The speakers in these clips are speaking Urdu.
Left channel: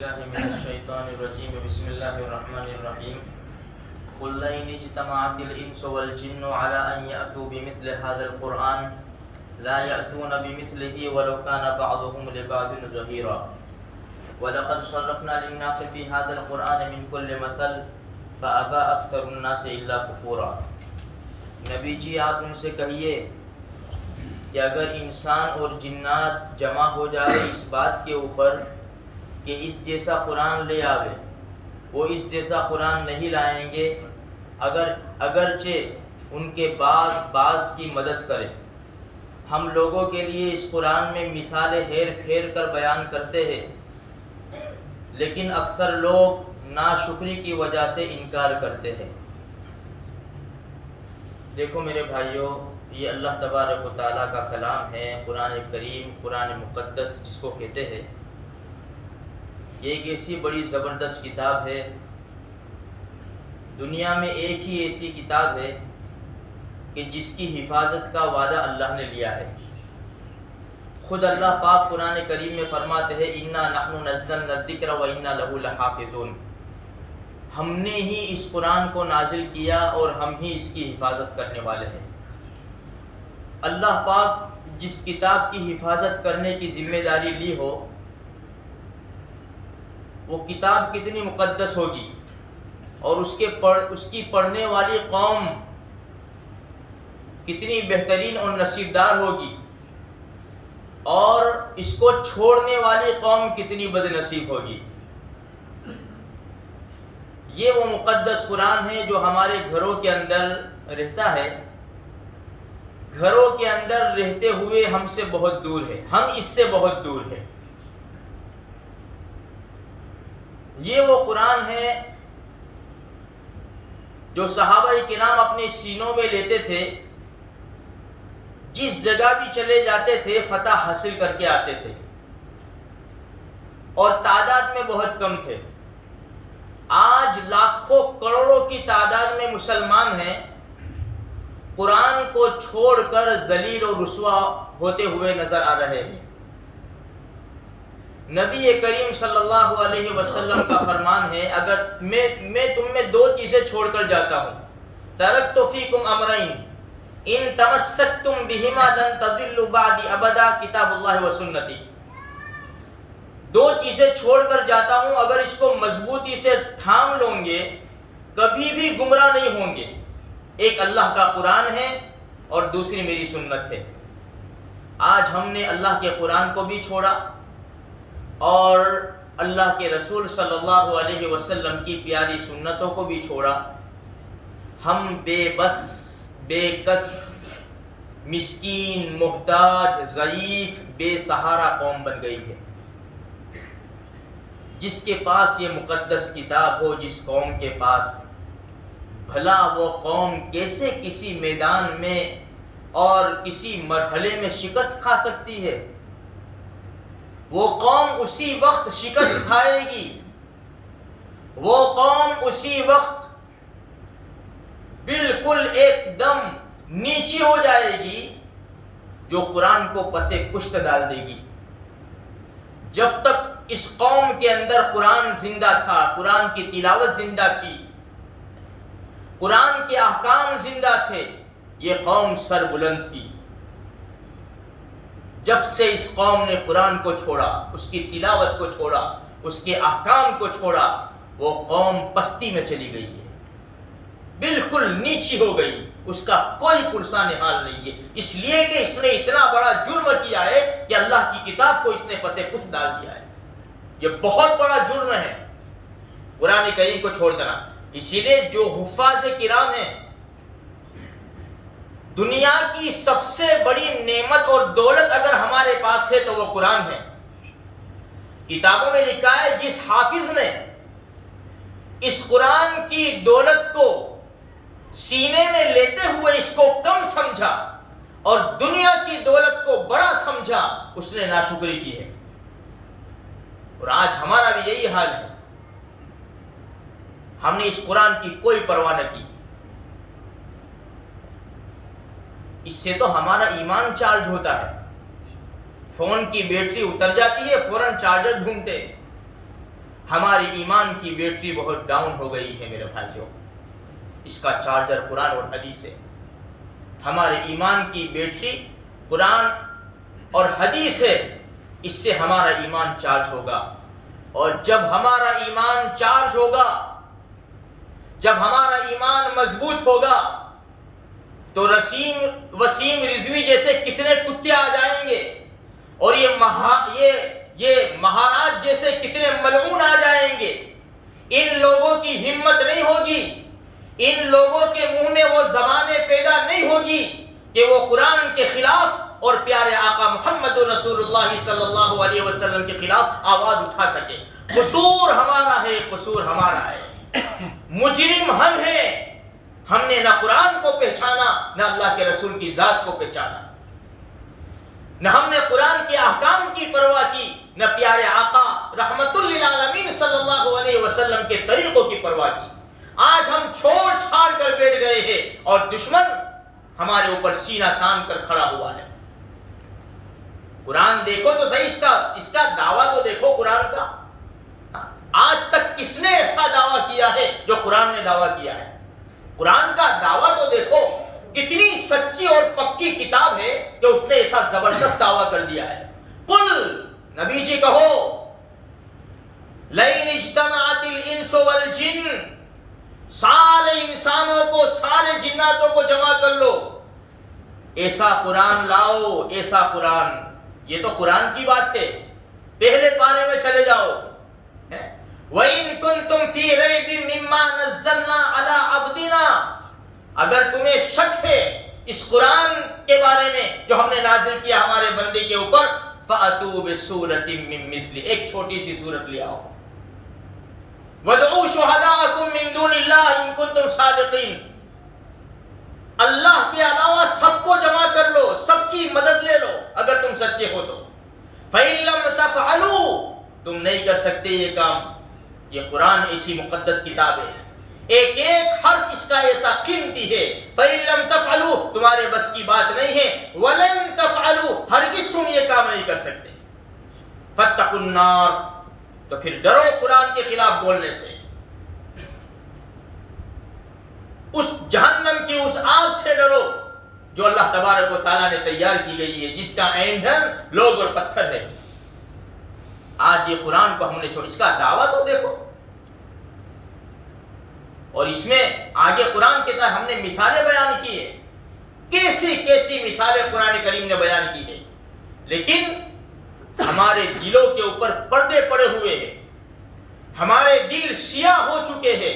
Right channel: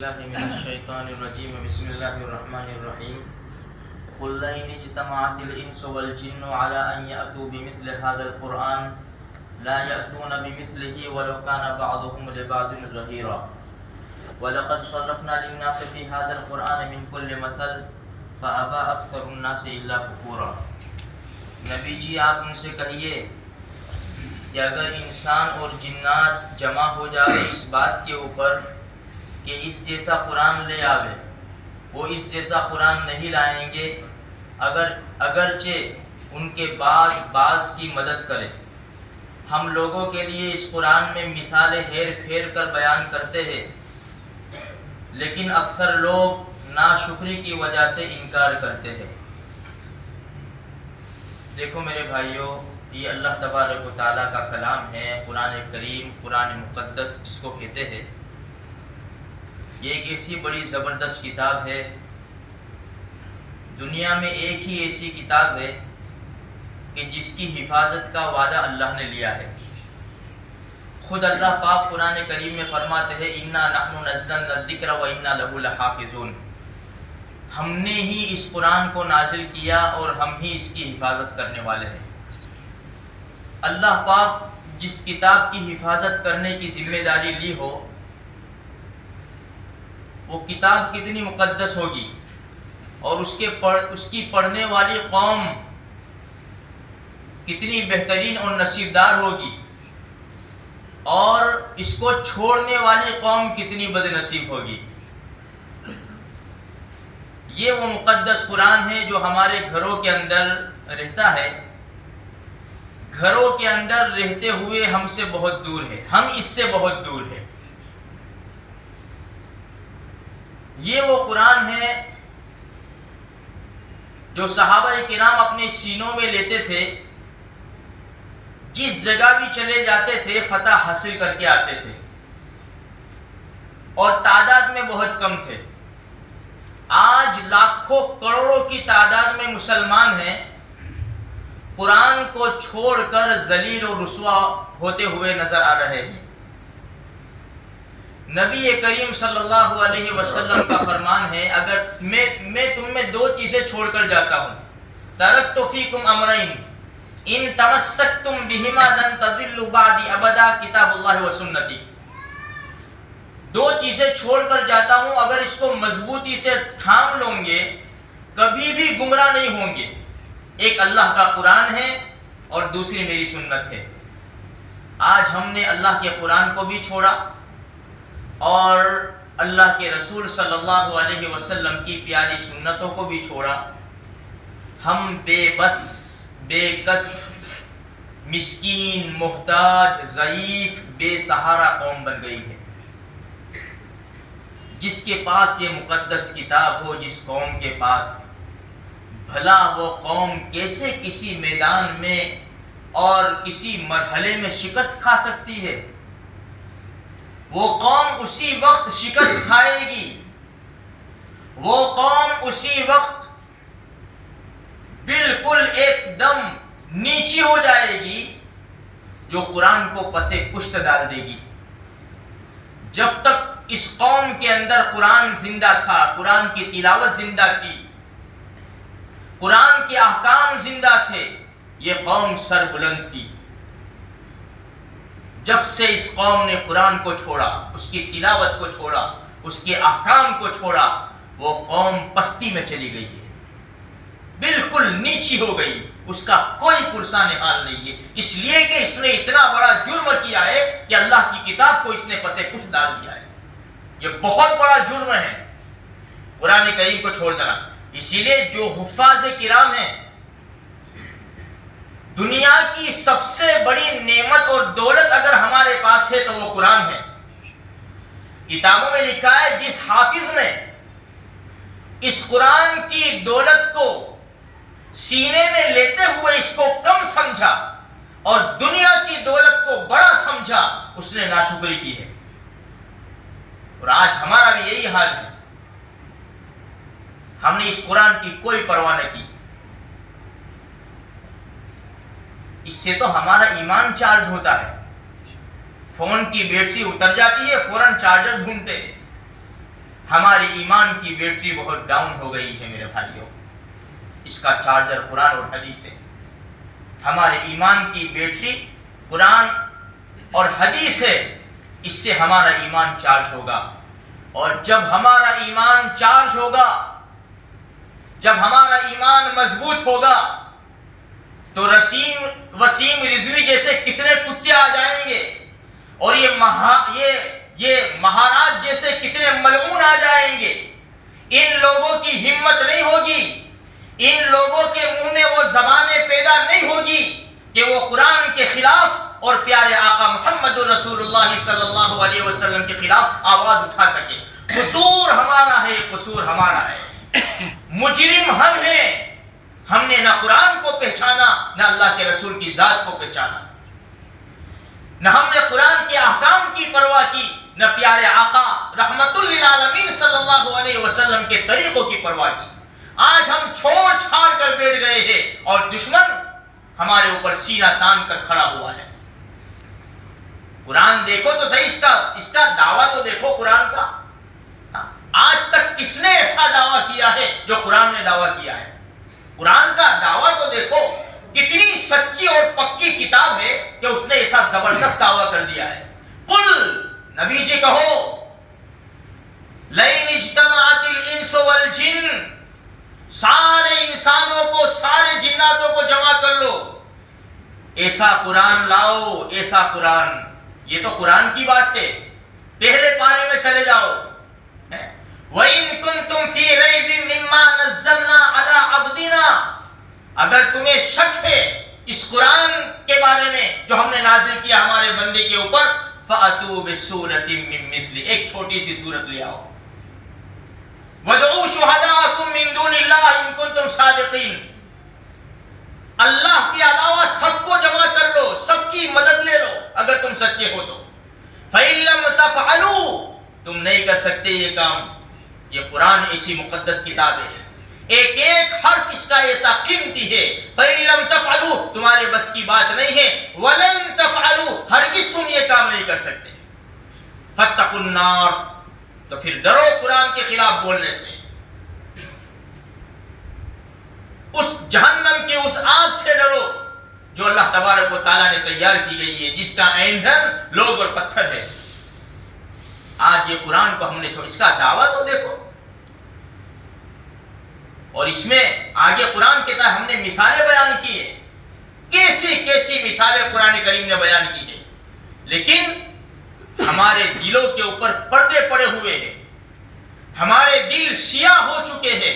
الله من الشيطان الرجيم بسم الله الرحمن الرحيم قل لئن اجتمعت الإنس والجن على أن يأتوا بمثل هذا القرآن لا يأتون بمثله ولو كان بعضهم لبعض ظهيرا ولقد صرفنا للناس في هذا القرآن من كل مثل فأبى أكثر الناس إلا كفورا۔ نبی جی آپ ان سے کہیے کہ اگر انسان اور جنات جمع ہو جائے اس بات کے اوپر کہ اس جیسا قرآن لے آوے، وہ اس جیسا قرآن نہیں لائیں گے اگرچہ ان کے بعض کی مدد کرے۔ ہم لوگوں کے لیے اس قرآن میں مثالیں ہیر پھیر کر بیان کرتے ہیں، لیکن اکثر لوگ ناشکری کی وجہ سے انکار کرتے ہیں۔ دیکھو میرے بھائیوں، یہ اللہ تبارک و تعالیٰ کا کلام ہے، قرآن کریم، قرآن مقدس جس کو کہتے ہیں۔ یہ ایک ایسی بڑی زبردست کتاب ہے، دنیا میں ایک ہی ایسی کتاب ہے کہ جس کی حفاظت کا وعدہ اللہ نے لیا ہے۔ خود اللہ پاک قرآن کریم میں فرماتے ہیں اِنَّا نَحْنُ نَزَّلْنَا الذِّكْرَ وَإِنَّا لَهُ لَحَافِظُونَ، ہم نے ہی اس قرآن کو نازل کیا اور ہم ہی اس کی حفاظت کرنے والے ہیں۔ اللہ پاک جس کتاب کی حفاظت کرنے کی ذمہ داری لی ہو، وہ کتاب کتنی مقدس ہوگی اور اس کی پڑھنے والی قوم کتنی بہترین اور نصیبدار ہوگی، اور اس کو چھوڑنے والی قوم کتنی بد نصیب ہوگی۔ یہ وہ مقدس قرآن ہے جو ہمارے گھروں کے اندر رہتا ہے، گھروں کے اندر رہتے ہوئے ہم سے بہت دور ہے، ہم اس سے بہت دور ہیں۔ یہ وہ قرآن ہے جو صحابہ کرام اپنے سینوں میں لیتے تھے، جس جگہ بھی چلے جاتے تھے فتح حاصل کر کے آتے تھے، اور تعداد میں بہت کم تھے۔ آج لاکھوں کروڑوں کی تعداد میں مسلمان ہیں، قرآن کو چھوڑ کر ذلیل و رسوا ہوتے ہوئے نظر آ رہے ہیں۔ نبی کریم صلی اللہ علیہ وسلم کا فرمان ہے، اگر میں تم میں دو چیزیں چھوڑ کر جاتا ہوں، ترکت فیکم امرین ان تمسکتم بہما لن تضلوا بعدی ابدا، کتاب اللہ و سنتی۔ دو چیزیں چھوڑ کر جاتا ہوں، اگر اس کو مضبوطی سے تھام لوں گے کبھی بھی گمراہ نہیں ہوں گے۔ ایک اللہ کا قرآن ہے اور دوسری میری سنت ہے۔ آج ہم نے اللہ کے قرآن کو بھی چھوڑا اور اللہ کے رسول صلی اللہ علیہ وسلم کی پیاری سنتوں کو بھی چھوڑا۔ ہم بے بس، بے کس، مسکین، محتاج، ضعیف، بے سہارا قوم بن گئی ہے۔ جس کے پاس یہ مقدس کتاب ہو، جس قوم کے پاس، بھلا وہ قوم کیسے کسی میدان میں اور کسی مرحلے میں شکست کھا سکتی ہے؟ وہ قوم اسی وقت شکست کھائے گی، وہ قوم اسی وقت بالکل ایک دم نیچی ہو جائے گی جو قرآن کو پس پشت ڈال دے گی۔ جب تک اس قوم کے اندر قرآن زندہ تھا، قرآن کی تلاوت زندہ تھی، قرآن کے احکام زندہ تھے، یہ قوم سر بلند تھی۔ جب سے اس قوم نے قرآن کو چھوڑا، اس کی تلاوت کو چھوڑا، اس کے احکام کو چھوڑا، وہ قوم پستی میں چلی گئی ہے، بالکل نیچی ہو گئی، اس کا کوئی پرسان حال نہیں ہے، اس لیے کہ اس نے اتنا بڑا جرم کیا ہے کہ اللہ کی کتاب کو اس نے پسے پشت ڈال دیا ہے۔ یہ بہت بڑا جرم ہے قرآن کریم کو چھوڑ دینا۔ اسی لیے جو حفاظ کرام ہیں، دنیا کی سب سے بڑی نعمت اور دولت اگر ہمارے پاس ہے تو وہ قرآن ہے۔ کتابوں میں لکھا ہے جس حافظ نے اس قرآن کی دولت کو سینے میں لیتے ہوئے اس کو کم سمجھا اور دنیا کی دولت کو بڑا سمجھا، اس نے ناشکری کی ہے۔ اور آج ہمارا بھی یہی حال ہے، ہم نے اس قرآن کی کوئی پرواہ نہ کی۔ اس سے تو ہمارا ایمان چارج ہوتا ہے، فون کی بیٹری اتر جاتی ہے فوراً چارجر ڈھونڈتے ہیں، ہماری ایمان کی بیٹری بہت ڈاؤن ہو گئی ہے میرے بھائیوں. اس کا چارجر قرآن اور حدیث ہے. ہمارے ایمان کی بیٹری قرآن اور حدیث ہے. اس سے ہمارا ایمان چارج ہوگا. اور جب ہمارا ایمان چارج ہوگا، جب ہمارا ایمان مضبوط ہوگا، تو وسیم رضوی جیسے کتنے کتے آ جائیں گے، اور یہ مہاراج جیسے کتنے ملعون آ جائیں گے. ان لوگوں کی ہمت نہیں ہوگی، ان لوگوں کے منہ میں وہ زبانیں پیدا نہیں ہوگی کہ وہ قرآن کے خلاف اور پیارے آقا محمد رسول اللہ صلی اللہ علیہ وسلم کے خلاف آواز اٹھا سکے. قصور ہمارا ہے، قصور ہمارا ہے. مجرم ہم ہیں. ہم نے نہ قرآن کو پہچانا، نہ اللہ کے رسول کی ذات کو پہچانا. نہ ہم نے قرآن کے احکام کی پرواہ کی، نہ پیارے آقا رحمت للعالمین صلی اللہ علیہ وسلم کے طریقوں کی پرواہ کی. آج ہم چھوڑ چھاڑ کر بیٹھ گئے ہیں اور دشمن ہمارے اوپر سینہ تان کر کھڑا ہوا ہے. قرآن دیکھو تو صحیح، اس کا دعویٰ تو دیکھو قرآن کا. آج تک کس نے ایسا دعویٰ کیا ہے جو قرآن نے دعویٰ کیا ہے؟ قرآن کا دعویٰ تو دیکھو، کتنی سچی اور پکی کتاب ہے کہ اس نے ایسا زبردست دعویٰ کر دیا ہے. قل، نبی جی کہو، لئن اجتمعت الانس والجن، سارے انسانوں کو، سارے جناتوں کو جمع کر لو، ایسا قرآن لاؤ، ایسا قرآن. یہ تو قرآن کی بات ہے. پہلے پارے میں چلے جاؤ. وَإِن كُنتُمْ فِي رَيْبٍ مِّمَّا نَزَّلْنَا عَلَىٰ عَبْدِنَا، اگر تمہیں شک ہے اس قرآن کے بارے میں جو ہم نے نازل کیا ہمارے بندے کے اوپر، فَأْتُوا بِسُورَةٍ مِّن مِّثْلِهِ، ایک چھوٹی سی سورت لے آؤ. وَادْعُوا شُهَدَاءَكُم مِّن دُونِ اللَّهِ إِن كُنتُمْ صَادِقِينَ، اللہ کے علاوہ سب کو جمع کر لو، سب کی مدد لے لو اگر تم سچے ہو تو. فَإِن لَّمْ تَفْعَلُوا، تم نہیں کر سکتے یہ کام. یہ قرآن ایسی مقدس کتاب ہے، ایک ایک حرف اس کا ایسا قیمتی ہے. فَإِن لَّمْ تَفْعَلُوا، تمہارے بس کی بات نہیں ہے. وَلَن تَفْعَلُوا، ہرگز تم یہ کام نہیں کر سکتے. فَاتَّقُوا النَّارَ، تو پھر ڈرو قرآن کے خلاف بولنے سے. اس جہنم کی اس آگ سے ڈرو جو اللہ تبارک و تعالیٰ نے تیار کی گئی ہے، جس کا ایندھن لوگ اور پتھر ہے. آج یہ قرآن کو ہم نے چھوڑ، اس کا دعویٰ تو دیکھو. اور اس میں آگے قرآن کے تحت ہم نے مثالیں بیان کی ہیں، کیسی کیسی مثالیں قرآن کریم نے بیان کی ہیں. لیکن ہمارے دلوں کے اوپر پردے پڑے ہوئے ہیں، ہمارے دل سیاہ ہو چکے ہیں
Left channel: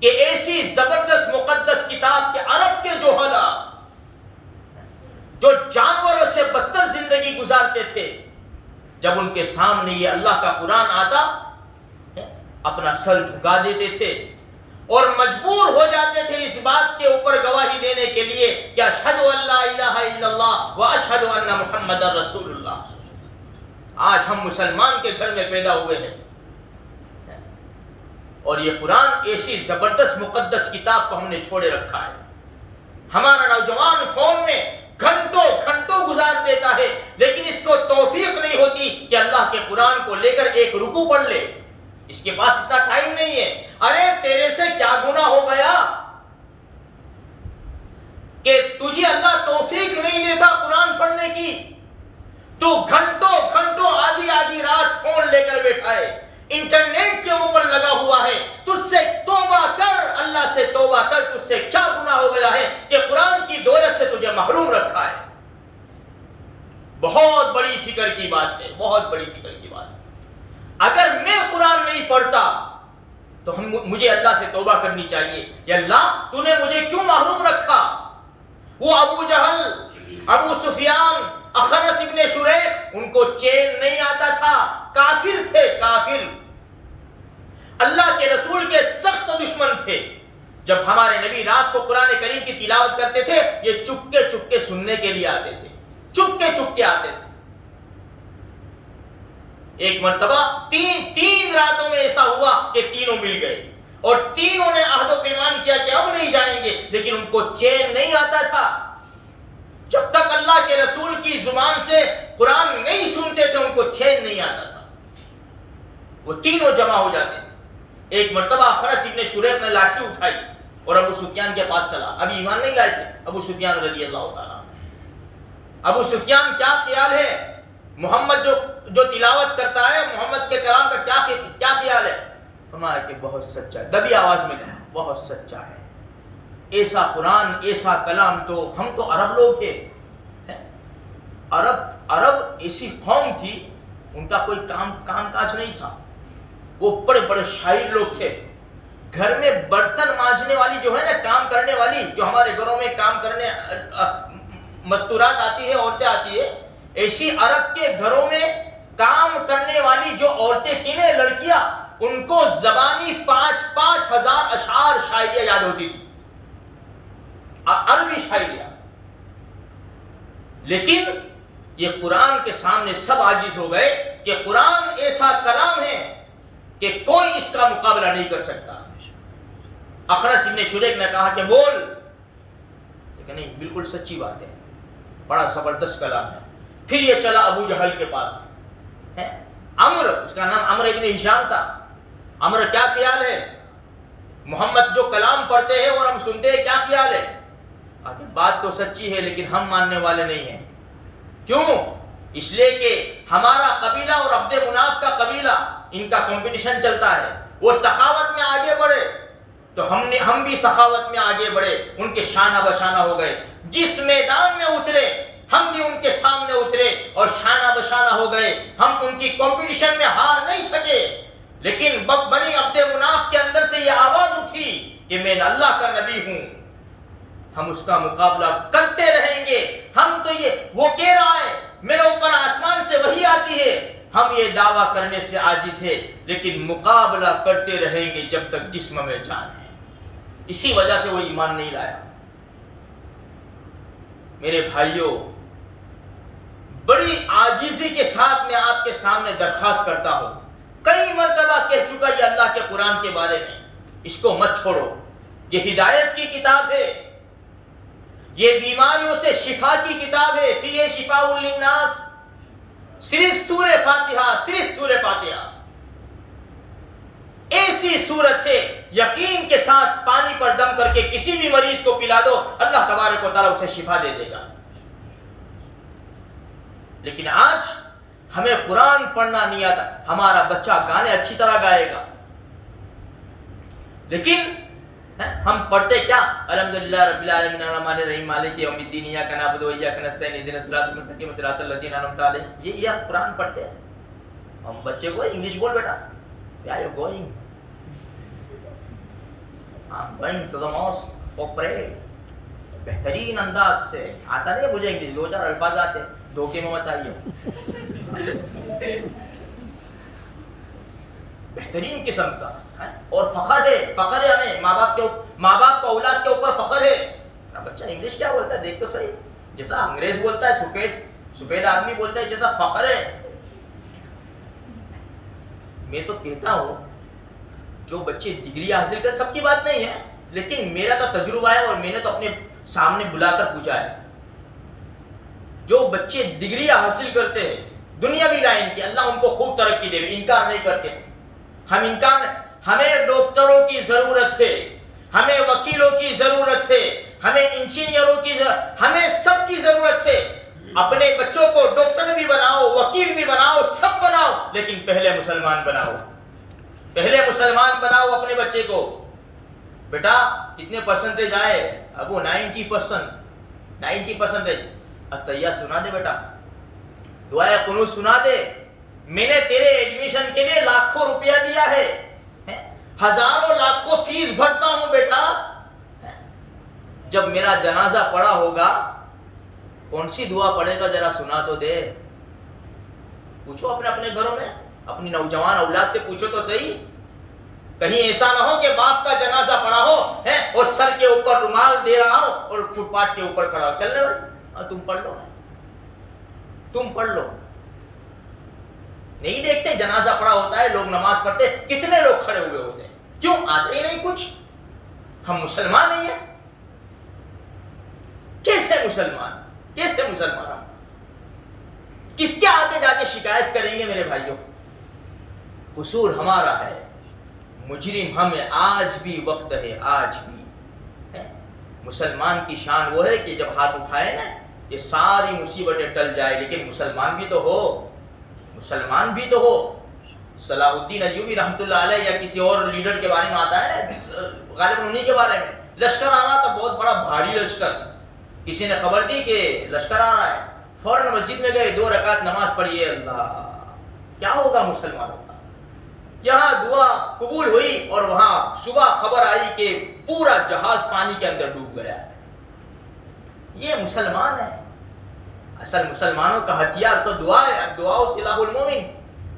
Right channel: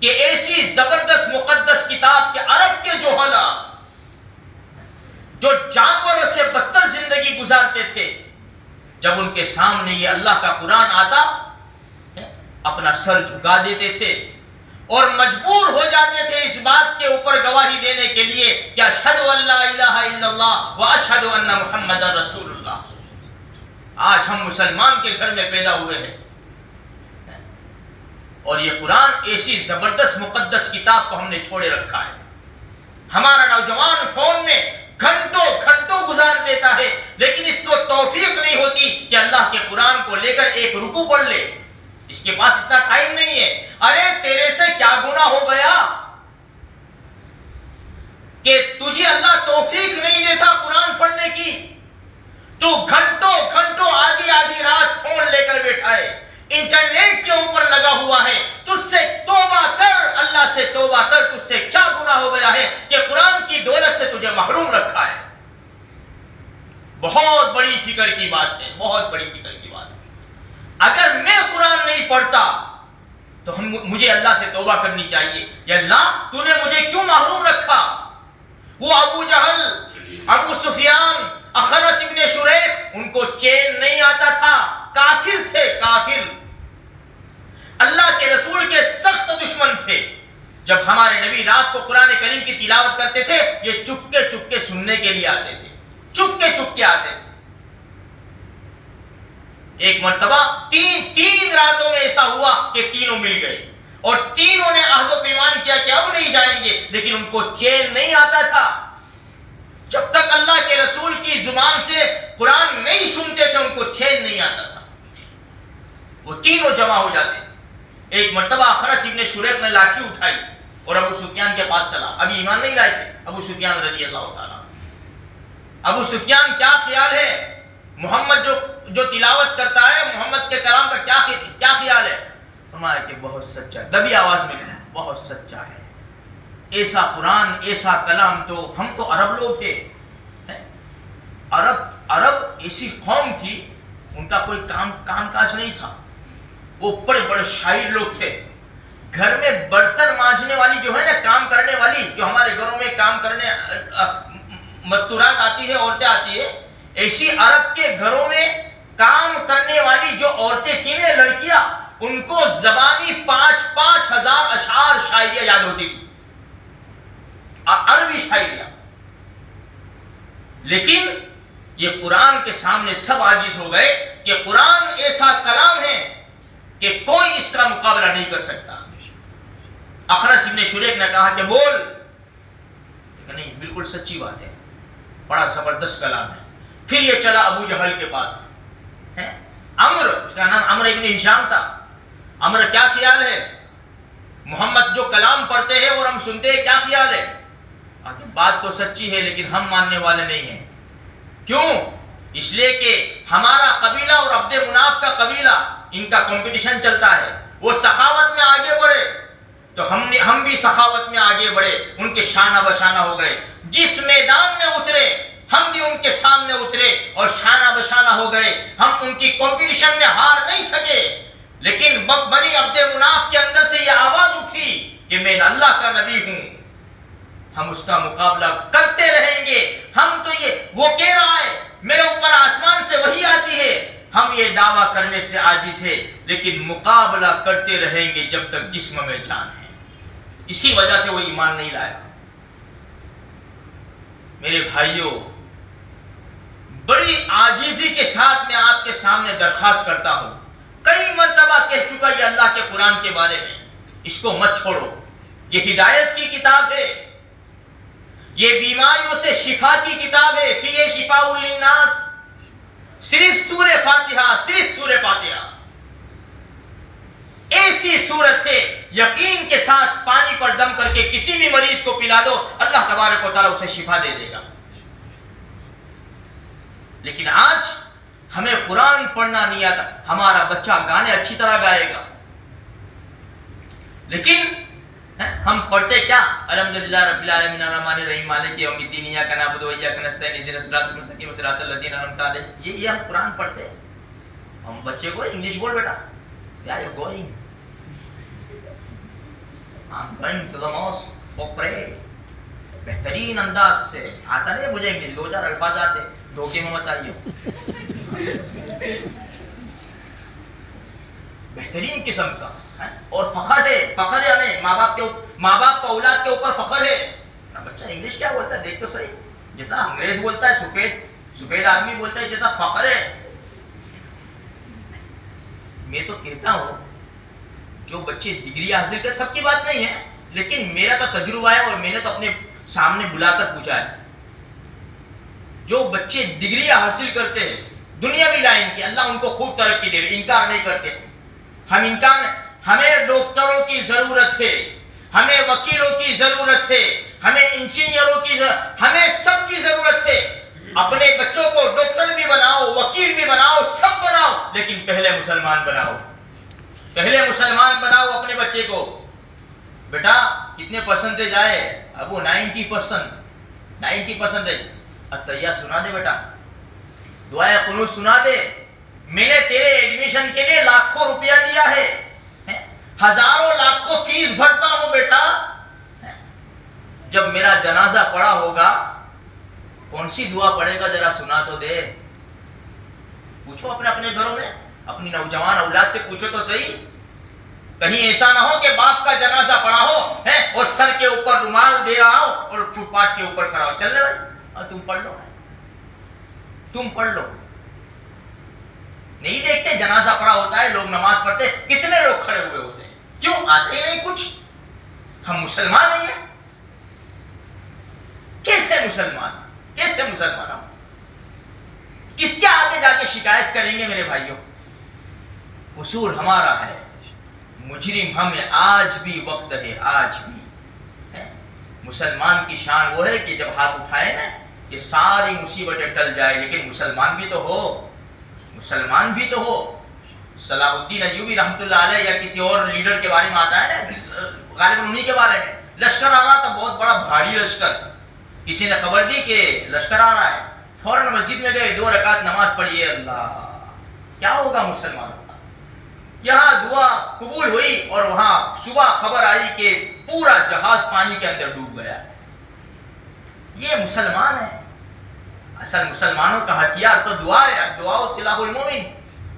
کہ ایسی زبردست مقدس کتاب کے عرب کے جوہلا جو جانوروں سے بدتر زندگی گزارتے تھے، جب ان کے سامنے یہ اللہ کا قرآن آتا اپنا سر جھکا دیتے تھے اور مجبور ہو جاتے تھے اس بات کے اوپر گواہی دینے کے لیے کہ اشہد ان لا الہ الا اللہ و اشہد ان محمد رسول اللہ. آج ہم مسلمان کے گھر میں پیدا ہوئے ہیں اور یہ قرآن ایسی زبردست مقدس کتاب کو ہم نے چھوڑے رکھا ہے. ہمارا نوجوان فون میں گھنٹوں گھنٹوں گزار دیتا ہے، لیکن اس کو توفیق نہیں ہوتی کہ اللہ کے قرآن کو لے کر ایک رکوع پڑھ لے. اس کے پاس اتنا ٹائم نہیں ہے. ارے تیرے سے کیا گناہ ہو گیا کہ تجھے اللہ توفیق نہیں دیتا قرآن پڑھنے کی؟ تو گھنٹوں گھنٹوں آدھی آدھی رات فون لے کر بیٹھا ہے، انٹرنیٹ کے اوپر لگا ہوا ہے. تجھ سے توبہ کر، اللہ سے توبہ کر. تجھ سے کیا گناہ ہو گیا ہے کہ قرآن کی دولت سے تجھے محروم رکھا ہے؟ بہت بڑی فکر کی بات ہے، بہت بڑی فکر کی بات ہے. اگر میں قرآن نہیں پڑھتا تو مجھے اللہ سے توبہ کرنی چاہیے. یا اللہ تو نے مجھے کیوں محروم رکھا؟ وہ ابو جہل، ابو سفیان، اخنس ابن شریق، ان کو چین نہیں آتا تھا، کافر تھے، کافر، اللہ کے رسول کے سخت دشمن تھے. جب ہمارے نبی رات کو قرآن کریم کی تلاوت کرتے تھے، یہ چپکے چپکے سننے کے لیے آتے تھے، چپکے چپکے آتے تھے. ایک مرتبہ تین راتوں میں ایسا ہوا کہ تینوں مل گئے اور تینوں نے عہد و پیمان کیا کہ اب نہیں جائیں گے، لیکن ان کو چین نہیں آتا تھا. جب تک اللہ کے رسول کی زبان سے قرآن نہیں سنتے تھے ان کو چین نہیں آتا تھا. وہ تینوں جمع ہو جاتے تھے. ایک مرتبہ اخرس ابن شریق نے لاٹھی اٹھائی اور ابو سفیان کے پاس چلا. ابھی ایمان نہیں لائے تھے ابو سفیان رضی اللہ تعالیٰ. ابو سفیان کیا خیال ہے محمد جو تلاوت کرتا ہے محمد کے کلام کا کیا خیال ہے؟ فرمایا کہ بہت سچا. دبی آواز میں کہا بہت سچا ہے. ایسا قرآن ایسا کلام تو ہم تو عرب لوگ تھے. عرب ایسی قوم تھی ان کا کوئی کام کاج نہیں تھا. وہ بڑے بڑے شاعر لوگ تھے. گھر میں برتن مانجنے والی جو ہے نا کام کرنے والی جو ہمارے گھروں میں کام کرنے مستورات آتی ہے عورتیں آتی ہے ایسی عرب کے گھروں میں کام کرنے والی جو عورتیں تھیں نا لڑکیاں ان کو زبانی 5,000 اشعار شاعریاں یاد ہوتی تھی عربی شاعریاں. لیکن یہ قرآن کے سامنے سب عاجز ہو گئے کہ قرآن ایسا کلام ہے کہ کوئی اس کا مقابلہ نہیں کر سکتا. اخرس ابن شریق نے کہا کہ بول. لیکن نہیں بالکل سچی بات ہے بڑا زبردست کلام ہے. پھر یہ چلا ابو جہل کے پاس. عمر اس کا نام عمر ابن ہشام تھا. عمر کیا خیال ہے محمد جو کلام پڑھتے ہیں اور ہم سنتے ہیں کیا خیال ہے؟ بات تو سچی ہے لیکن ہم ماننے والے نہیں ہیں. کیوں؟ اس لیے کہ ہمارا قبیلہ اور عبد مناف کا قبیلہ ان کا کمپٹیشن چلتا ہے. وہ سخاوت میں آگے بڑھے تو ہم بھی سخاوت میں آگے بڑھے. ان کے شانہ بشانہ ہو گئے. جس میدان میں اترے ہم بھی ان کے سامنے اترے اور شانہ بشانہ ہو گئے. ہم ان کی کمپٹیشن میں ہار نہیں سکے. لیکن بنی عبد مناف کے اندر سے یہ آواز اٹھی کہ میں اللہ کا نبی ہوں. ہم اس کا مقابلہ کرتے رہیں گے. ہم تو وہ کہہ رہا ہے میرے اوپر آسمان سے وحی آتی ہے. ہم یہ دعویٰ کرنے سے عاجز ہے لیکن مقابلہ کرتے رہیں گے جب تک جسم میں جان ہے. اسی وجہ سے وہ ایمان نہیں لایا. میرے بھائیوں بڑی عاجزی کے ساتھ میں آپ کے سامنے درخواست کرتا ہوں. کئی مرتبہ کہہ چکا یہ اللہ کے قرآن کے بارے میں اس کو مت چھوڑو. یہ ہدایت کی کتاب ہے. یہ بیماریوں سے شفا کی کتاب ہے. فیہ شفاء للناس. صرف سورہ فاتحہ ایسی صورت ہے یقین کے ساتھ پانی پر دم کر کے کسی بھی مریض کو پلا دو اللہ تبارک و تعالیٰ اسے شفا دے دے گا. لیکن آج ہمیں قرآن پڑھنا نہیں آتا. ہمارا بچہ گانے اچھی طرح گائے گا لیکن ہم پڑھتے کیا؟ الحمدللہ رب العالمین الرحمن الرحیم مالک یوم الدین ایاک نعبد و ایاک نستعین اهدنا الصراط المستقیم صراط الذین انعمت علیہم. یہ ہم قرآن پڑھتے ہیں. ہم بچے کو انگلش بول بیٹا Where are you going? I'm going to the mosque for prayer. بہترین انداز سے آتا نہیں مجھے انگلش 2-4 الفاظ آتے دھوکے میں مت آئیے. بہترین قسم کا اور فخر ہے ہمیں ماں باپ کا اولاد کے اوپر فخر ہے. بچہ انگلش کیا بولتا ہے دیکھ تو صحیح. جیسا انگریز بولتا ہے سفید آدمی بولتا ہے جیسا فخر ہے. میں تو کہتا ہوں جو بچے ڈگری حاصل کر سب کی بات نہیں ہے لیکن میرا تو تجربہ ہے اور میں نے تو اپنے سامنے بلا کر پوچھا ہے. جو بچے ڈگری حاصل کرتے ہیں دنیاوی لائن کی اللہ ان کو خوب ترقی دے. انکار نہیں کرتے. ہمیں ڈاکٹروں کی ضرورت ہے. ہمیں وکیلوں کی ضرورت ہے. ہمیں انجینئروں کی ہمیں سب کی ضرورت ہے. اپنے بچوں کو ڈاکٹر بھی بناؤ وکیل بھی بناؤ سب بناؤ لیکن پہلے مسلمان بناؤ اپنے بچے کو. بیٹا کتنے پرسنٹیج آئے؟ ابو 90%. اتحیہ سنا دے بیٹا. دعائے قنوت سنا دے. میں نے تیرے ایڈمیشن کے لیے لاکھوں روپیہ دیا ہے. ہزاروں لاکھوں فیس بھرتا ہوں بیٹا. جب میرا جنازہ پڑا ہوگا کون سی دعا پڑھے گا ذرا سنا تو دے. پوچھو اپنے گھروں میں اپنی نوجوان اولاد سے پوچھو تو صحیح. کہیں ایسا نہ ہو کہ باپ کا جنازہ پڑا ہو اور سر کے اوپر رومال دے رہا ہو اور فٹ پاتھ کے اوپر کھڑا ہو. چل لے بھائی تم پڑھ لو. نہیں دیکھتے جنازہ پڑا ہوتا ہے لوگ نماز پڑھتے کتنے لوگ کھڑے ہوئے ہوتے ہیں. کیوں آتے ہی نہیں کچھ؟ ہم مسلمان نہیں ہیں. کیسے مسلمان ہم کس کے آگے جا کے شکایت کریں گے میرے بھائیوں؟ قصور ہمارا ہے، مجرم ہمیں آج بھی وقت ہے، آج بھی ہے۔ مسلمان کی شان وہ ہے کہ جب ہاتھ اٹھائے نا یہ ساری مصیبتیں ٹل جائے، لیکن مسلمان بھی تو ہو، مسلمان بھی تو ہو۔ صلاح الدین ایوبی رحمۃ اللہ علیہ یا کسی اور لیڈر کے بارے میں آتا ہے نا، غالباً انہی کے بارے میں، لشکر آ رہا تھا، بہت بڑا بھاری لشکر، کسی نے خبر دی کہ لشکر آ رہا ہے، فوراً مسجد میں گئے، 2 رکعت نماز پڑھی۔ اللہ کیا ہوگا مسلمانوں کا؟ یہاں دعا قبول ہوئی اور وہاں صبح خبر آئی کہ پورا جہاز پانی کے اندر ڈوب گیا ہے۔ یہ مسلمان ہے، اصل مسلمانوں کا ہتھیار تو دعا ہے، دعا سلاح المومن۔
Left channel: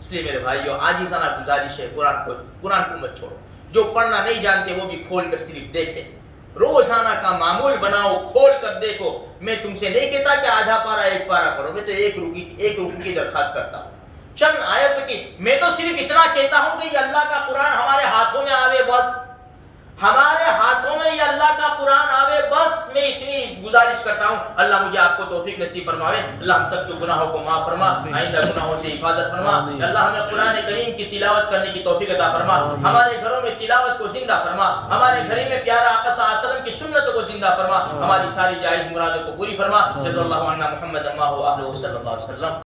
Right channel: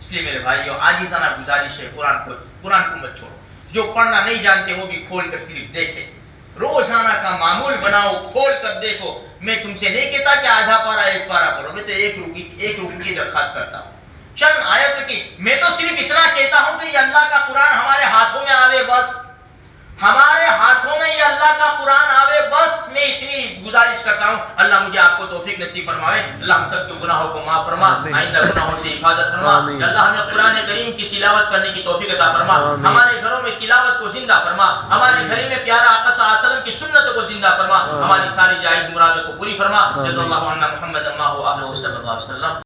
اس لیے میرے بھائیو عاجزانہ گزارش ہے، قرآن کو مت چھوڑو، جو پڑھنا نہیں جانتے وہ بھی کھول کر صرف دیکھیں، روزانہ کا معمول بناؤ، کھول کر دیکھو۔ میں تم سے نہیں کہتا کہ آدھا پارا 1 پارا پڑھو، میں تو ایک رکوع کی درخواست کرتا ہوں، چند آیت کی۔ میں تو صرف اتنا کہتا ہوں کہ یہ اللہ کا قرآن ہمارے ہاتھوں میں آوے، بس ہمارے ہاتھوں میں یہ اللہ کا قرآن آوے، بس میں اتنی گزارش کرتا ہوں۔ اللہ مجھے آپ کو توفیق نصیب فرماوے، اللہ ہم سب کے گناہوں کو معاف فرما، آئندہ گناہوں سے حفاظت فرما، اللہ ہمیں قرآن کریم کی تلاوت کرنے کی توفیق عطا فرما، ہمارے گھروں میں تلاوت کو زندہ فرما، ہمارے گھر میں پیارا آقا صلی اللہ علیہ وسلم کی سنتوں کو زندہ فرما، ہماری ساری جائز مرادوں کو پوری فرما۔ جزا اللہ عنا محمد اللہ صلی اللہ علیہ وسلم۔